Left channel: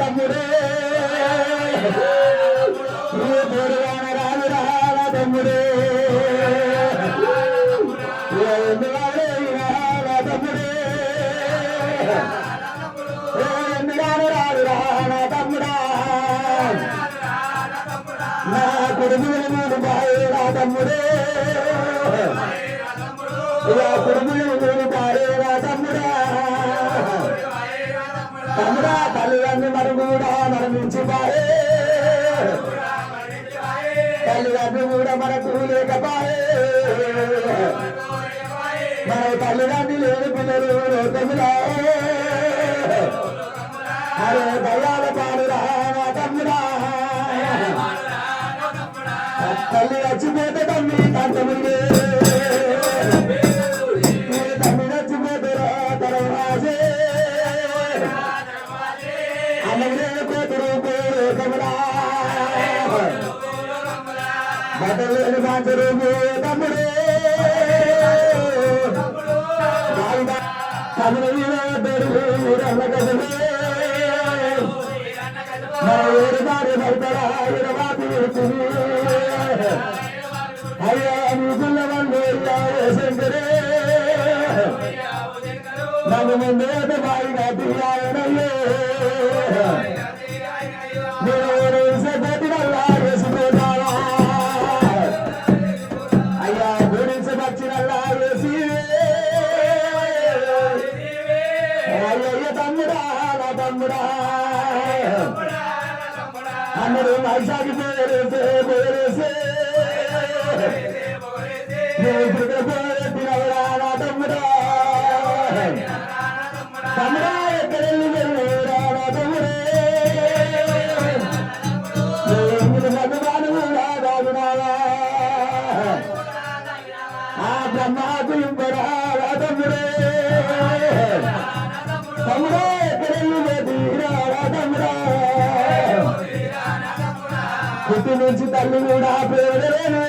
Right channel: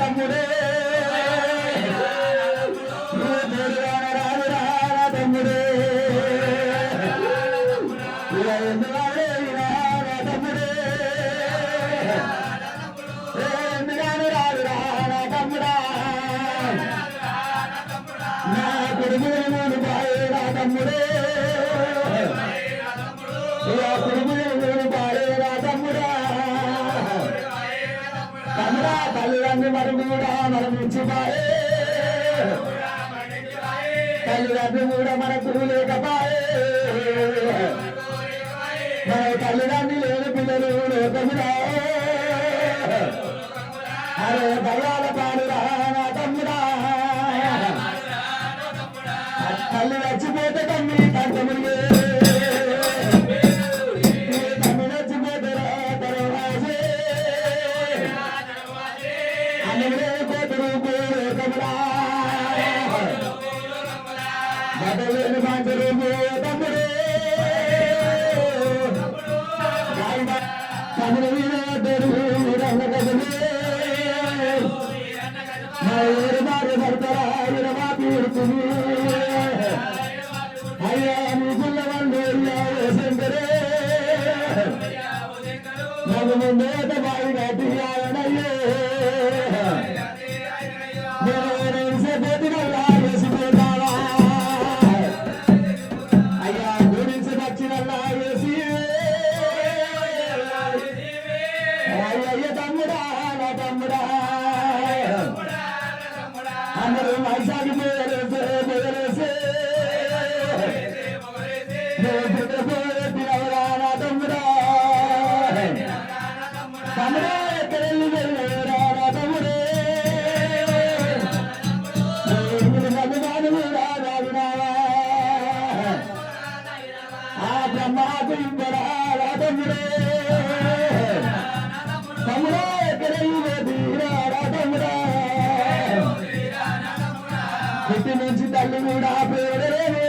తమ్ముడే తమ్ముడే తమ్ముడా నా కుడుములు బాయేరా తమ్ముడే కుడుములు బాయేరా తమ్ముడా తమ్ముడా తల్లిదండ్రి మనం కూడా మరణించి బాయే తల్లిదండ్రి కూడా మనకు లేకపాయే మన తల్లిదండ్రి లేని పిల్లలు లోకములా అరే దయాల పాడురా నా తమ్ముడా తల్లి రచ్చిపోతే తమ్మి తంతముడిగే తమ్మి రచ్చిపోతే తరవాజే అన్నడే కోతురు కోతముడా బదలేని బాంచరు తమ్ముడే తమ్ముడు వీడు రమగదమే అయ్యా నీ గుల్లవన్ను శంకరే నన్ను ముందేట బాగా తీయాలనయ్యే పెట్టినల్లా వేసిపోతావా అయ్యా గురించి వచ్చినల్లా వేసి అయ్యయ్య తమ్ముడా నా తమ్ముడా అందరూ మైసాకి పేరేసే పేరేసే నా తమ్ముడా తమ్ముడా ఎక్కడెళ్ళి వెళ్ళరా నా తమ్ముడే మధుబాను కూడా దాగునావా ఆ బ్రహ్మాకు ఇంపరా నా తమ్ముడే తమ్ముడా ఎక్కడెళ్ళి వెళ్ళరా నా తమ్ముడా పుట్టి నుంచి తల్లి కూడా పేడలేనే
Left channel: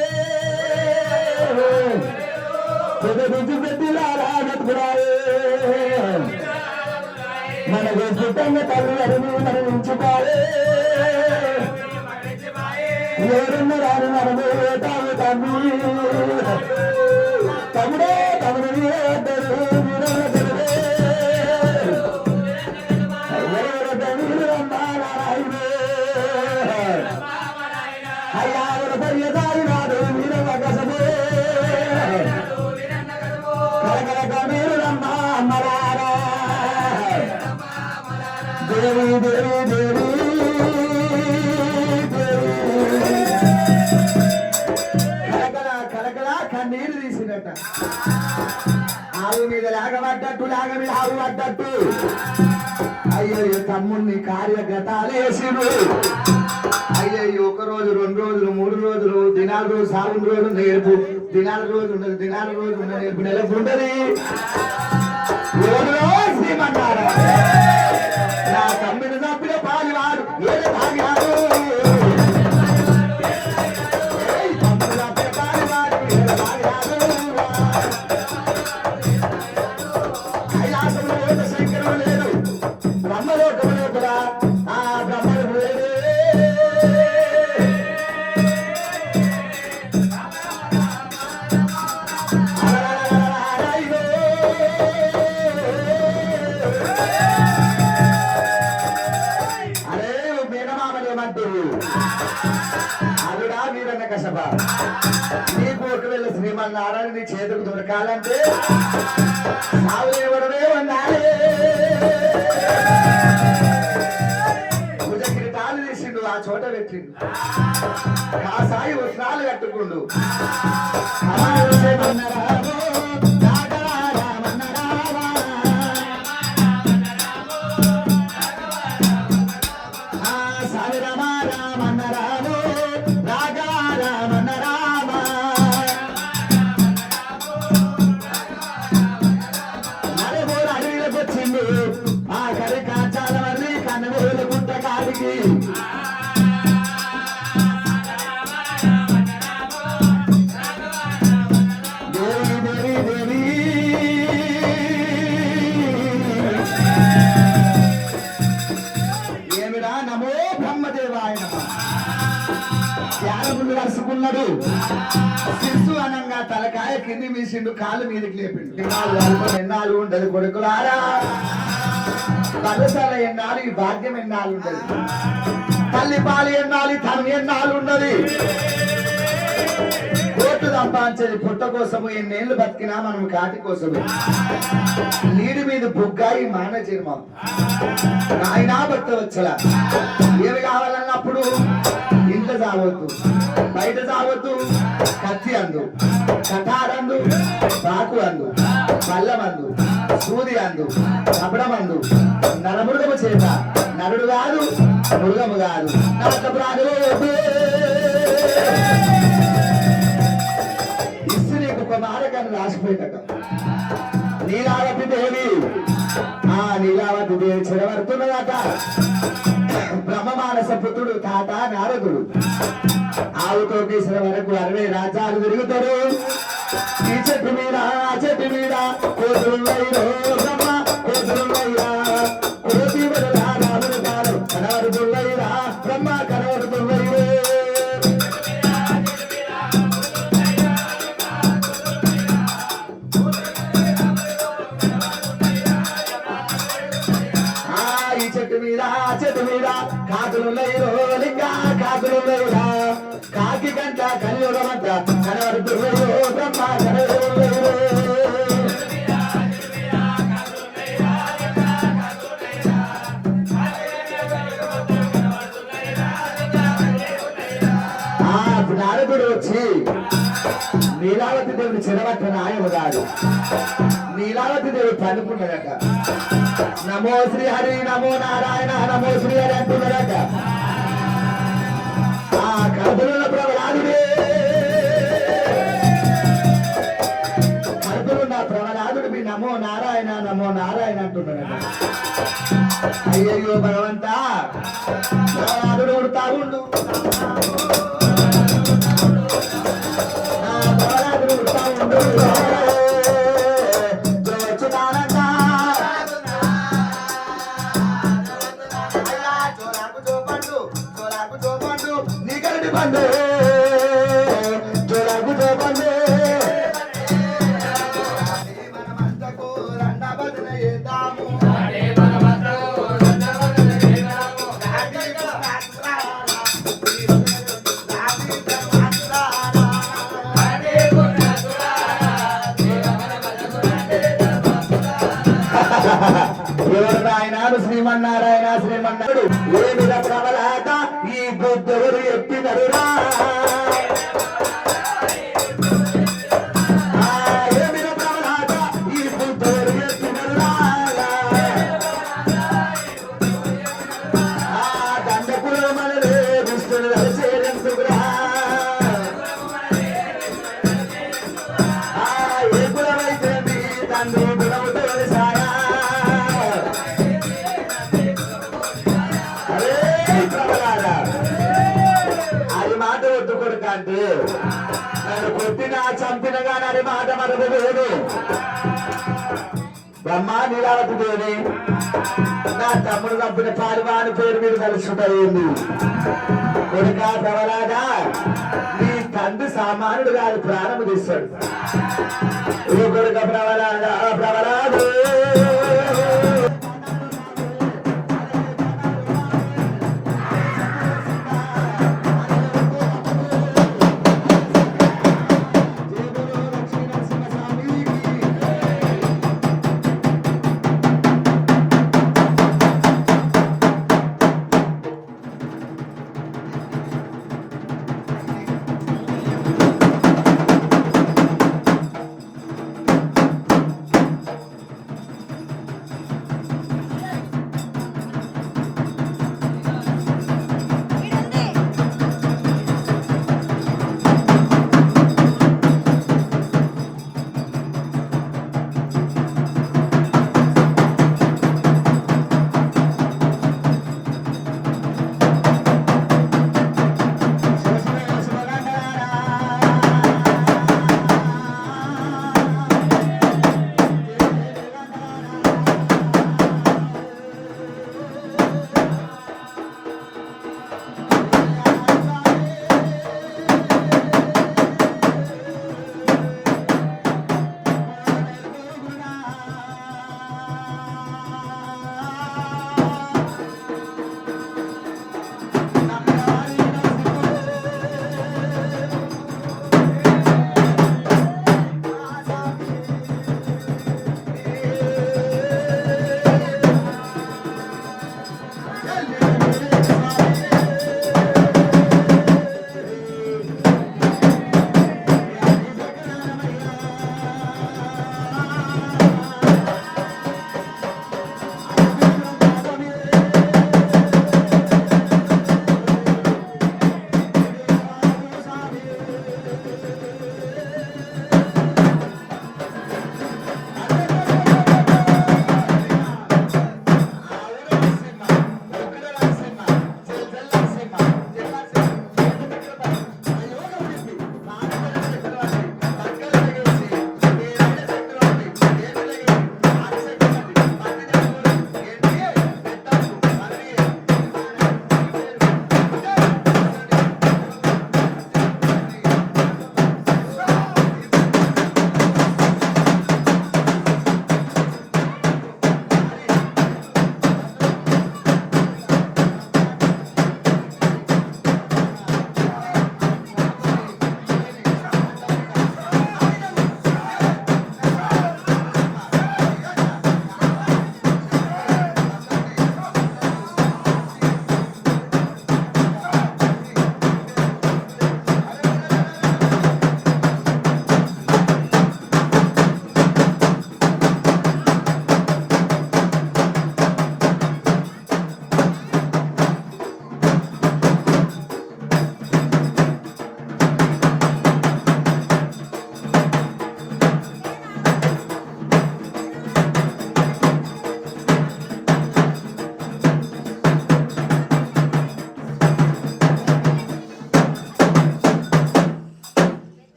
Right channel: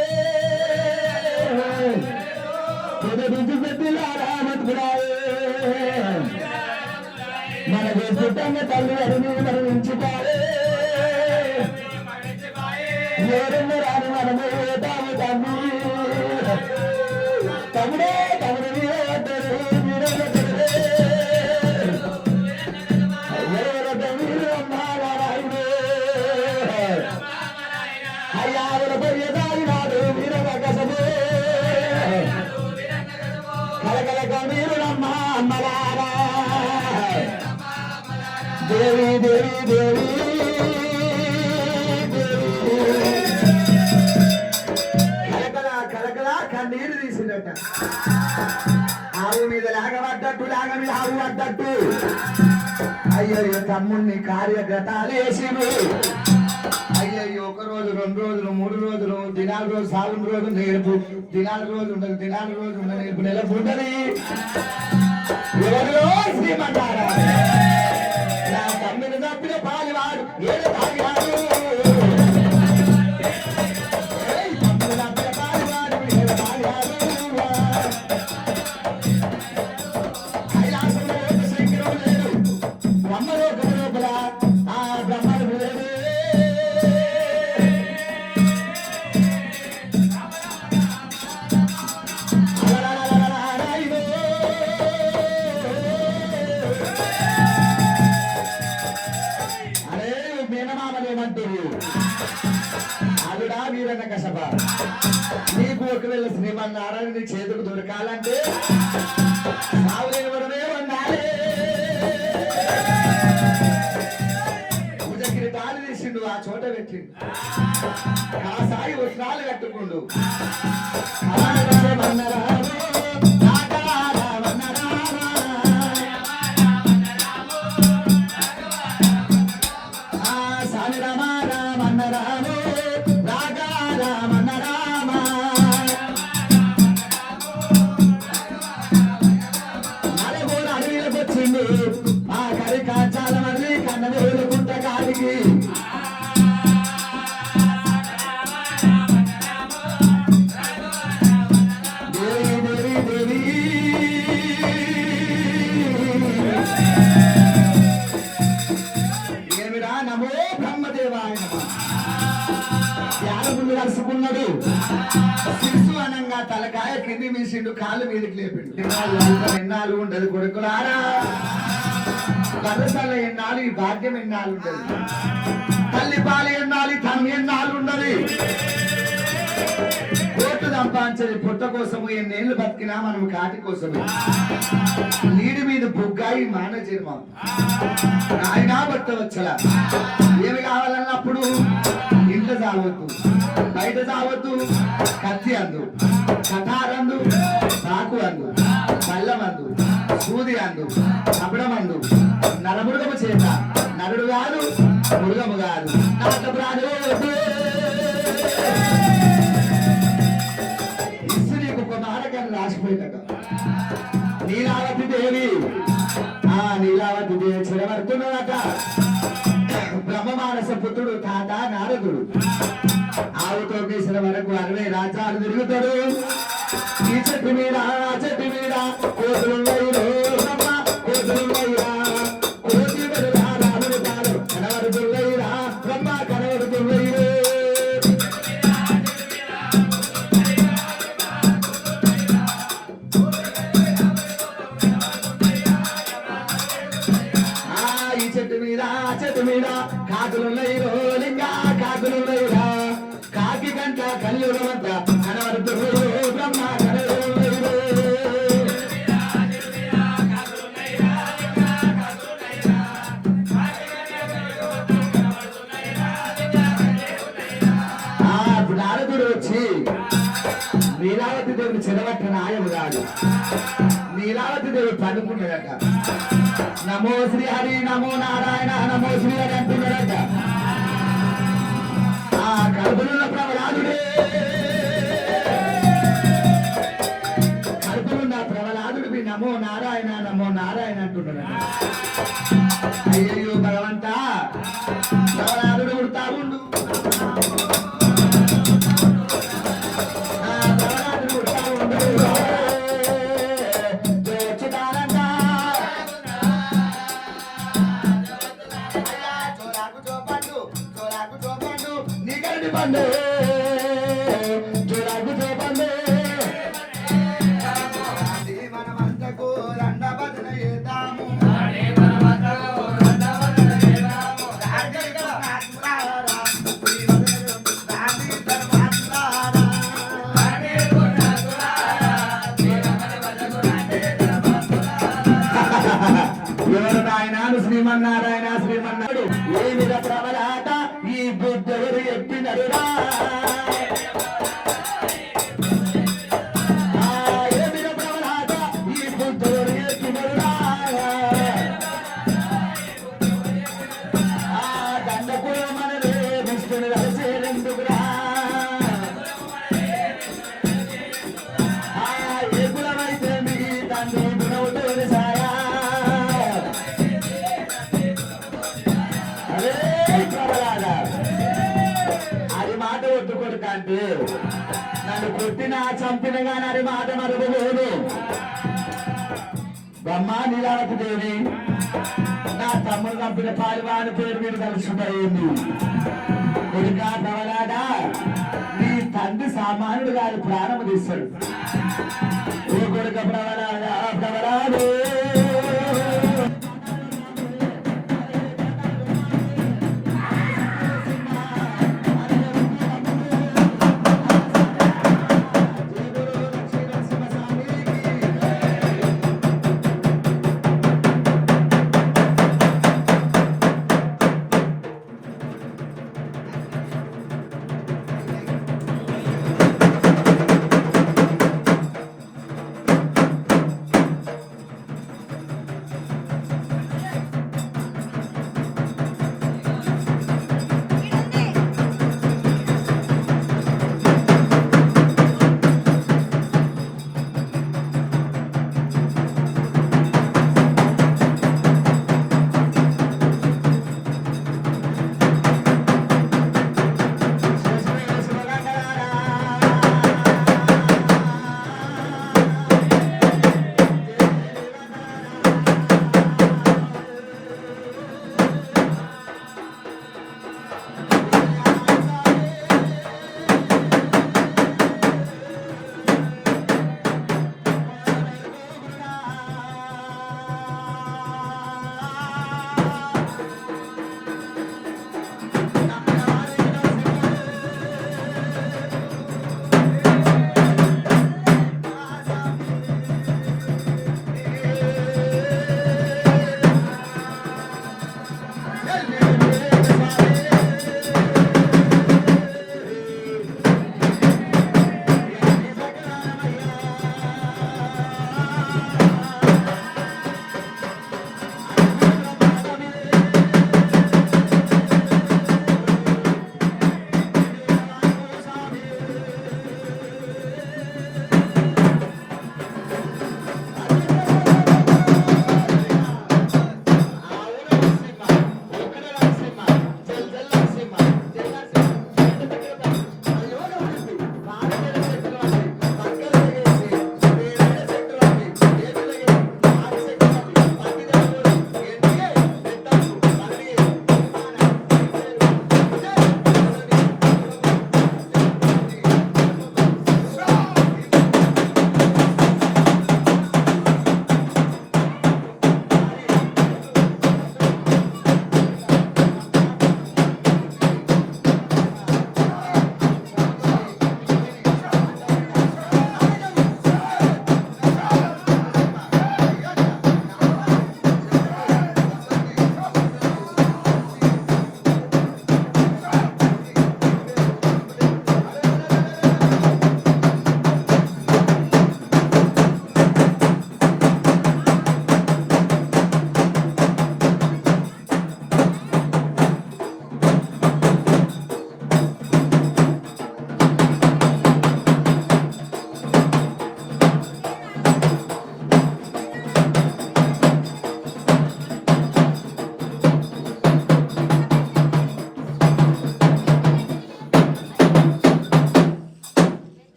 నుంచి పెట్టిలారా నటుకురాయే మనకు పుట్టంగా తల్లి అడిని మరణించుకోలే ఎవరున్న రాని మనము తాము తమ్మి తమ్ముడే తమ్ముడు అయ్యారు పర్యదారినాడు వీరవకసమే కలకలక మీరు రమ్మ అమ్మలారా దేవి దేవి దేవి కలకల కలకల కన్నీరు తీసినట్ట ఆవు మీద లాగబడ్డట్టు లాగ మీద ఆవు పడ్డట్టు అయ్యో తమ్ముడిని కార్యగతాలు వేసిరు అయ్యయ్యో ఒక రోజు 2 రోజులు 3 రోజులు దినాల రోజు సాగుని రోజు నేర్పు దినాల రోజు ఉండదు దినాల రోజు ఉన్న నేర్పు నెలకు ఉంటది రోజులో శ్రీమంటారా నా తమ్మిని తప్పిన పాలివాడు ఏడు తాగాడు తమ్ముడు తప్పిన పాలివాడు ఏడు తాగాడు కైలాసంలో శంకరం లేదు బ్రహ్మలోకం లోపల ఆ బ్రహ్మను లేదు నీకు ఒకవేళ శ్రీమన్నారాయణ నీ చేతుకు దొరకాలంటే సాగులేవడమే ఉండాలి కిరీటాలు తీసిండు ఆ చోట పెట్టిండు కాసాయి వస్త్రాలు కట్టుకుండు ఆ కరి కాచాల మర్రి కన్నవేలు గుంట కాడికి దేవి దేవి దేవి ఏమి ఏమిరా నమో బ్రహ్మదేవాయ నమః. ధ్యానగుండు కలుసుకున్నాడు. శిశు అనంగా తలకాయ కింది మీసిండు, కాలు మీదకి లేపిండు. ఎన్నాళ్ళు ఉండదు కొడుకులారా, వరసల ఎన్నాళ్ళు, ఈ భాగ్యం ఎన్నాళ్ళు ఉండదు. తల్లి పాలు ఎన్నాళ్ళు, తనం ఎన్నాళ్ళు ఉండదు. కోట్లు సంపాదించేది పుట్ట కోసము, ఎన్నేళ్ళు బతికినా మనం కాటి కోసమే. నీడి మీద బుగ్గాయి మాన జన్మం నాయనా బట్ట వచ్చలా. ఏమి కావాలన్నప్పుడు ఇంట్లో చావద్దు, బయట చావద్దు. కత్తి అందు, కటారందు, రాకు అందు, బల్లమందు, సూది అందు, కబడమందు, నరమృగము చేత. నరుడు కాదు, మృగము కాదు. ఇసు నీకు ఒక నాటకాన్ని రాసిపోయిందట. నీలావతి దేవి, నీలావతి దేవి చెరవడుతున్నదట. బ్రహ్మమానస పుత్రుడు తాత నారదుడు ఆవుతో గీసిన వరకు 60 రాజ్యాలు తిరుగుతాడు. ఈ చెట్టు మీద ఆ చెట్టు మీద కోతులున్నాయిరో బ్రహ్మ, కోతులున్నాయిరా. కోతి బదులా రాముడు కాదు, కనబడుతున్నాయిరా బ్రహ్మ, కనబడుతున్నాయిరో. ఈ చెట్టు మీద ఆ చెట్టు మీద కాకులున్నాయిరో లింగా, కాకులున్నాయిరా. కాకి గంట కలియుగమంత కనబడుతున్నాయిరో బ్రహ్మ, కనబడుతున్నాయిరో. నారదుడు వచ్చి నీలావతి దేవిని చెరవట్టన ఆయన కాదు. నీలావతి దేవి పడుకున్నదట. నమో శ్రీ హరి, నమో నారాయణ, నమో శ్రీ హరి అంటున్నదట. కడుపులున్న ప్రవలాదుడే, కడుపులున్న ప్రవలాదుడికి నమో నారాయణ, నమో నారాయణ అంటున్నాడట. అయ్యయ్యో భగవంతా, ప్రవలాదుడు ఉడతా ఉండు, ప్రవలాదుడు ఉడతా ఉండు. బండు జోరాకు జోబండు మనమంతకు రండ భజన చేద్దాము. ఎవరు నాయనాలు శ్రీమన్నారాయణ, శ్రీమన్నాడు ఏమిద ప్రబలాట ఈ బుద్ధుడు ఎప్పినరురా. ఏమిద ప్రబలాట ఈ బుద్ధుడు ఎప్పినరురా. దండకులు మనలే విష్ణుడు కలిసేందుకురా. ఏ కులమైతే మీ తండ్రి గుణముతో సారా. అది మాట ఒట్టుకొడుక అంటే నన్ను కొట్టిన చంపిన గాని అది మాట మరొక లేదు. బ్రహ్మ నీలావతి దేవి నా తమ్ముడు చంపిన పారివాని పేరు మీద కలుసుకుంటాయింది. కొడుక ప్రవలాదా, నీ తండ్రి సామాన్యుడు కాదు, ప్రాణము తీస్తాడు. ఏ కొడుక ప్రవలాదా, ప్రవలాదు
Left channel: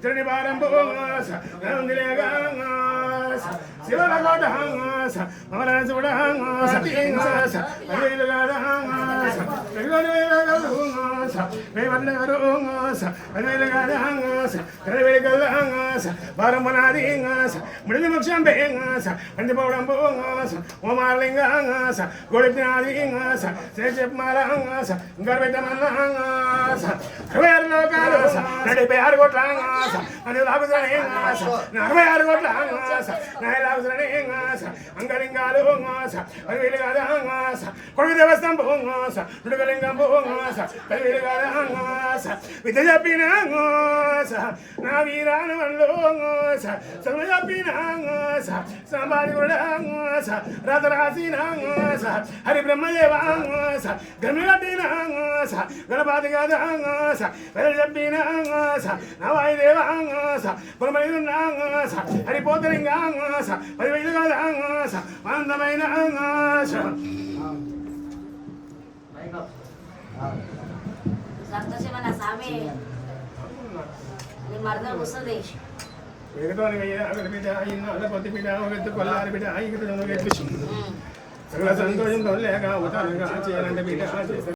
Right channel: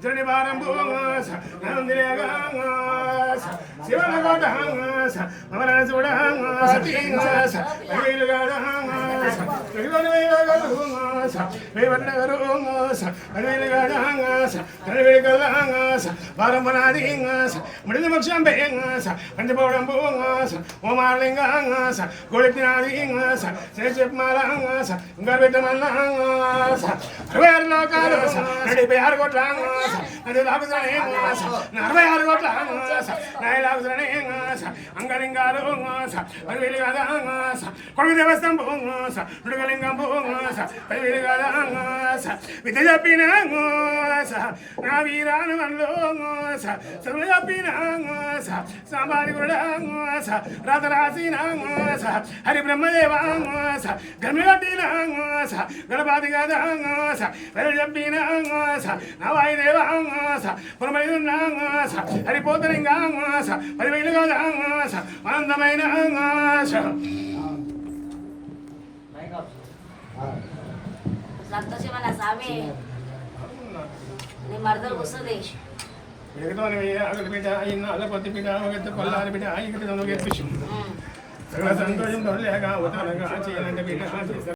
Journey bottom అంగలింగాలు పదివేలు కాదా కొడుకు దేవస్థానం విడుగలింగం పదివేలు కాదా విద్య చెప్పిన నా వీరాను వన్లో చదువు చెప్పిన సాంబారి కూడా రాత రాసిన హరి బ్రహ్మదేవ గమి కట్టిన గణపతి కాదా పదవి చెప్పిన నా వాయుదేవ పురమైన హరిపోతలింగా పదివేలు కాదా ఆనందమైన సంతోషమైన స్వామి నీ మరదలు వస్తుంది బిడ్డ ఇన్న అల్ల కొద్ది బిడ్డ ఒక కొల్లారి బిడ్డ ఇక్కడ గెలిపించు సకల సంతోషంతో లేక అవుతానుగా చేయాలంటే బిడ్డ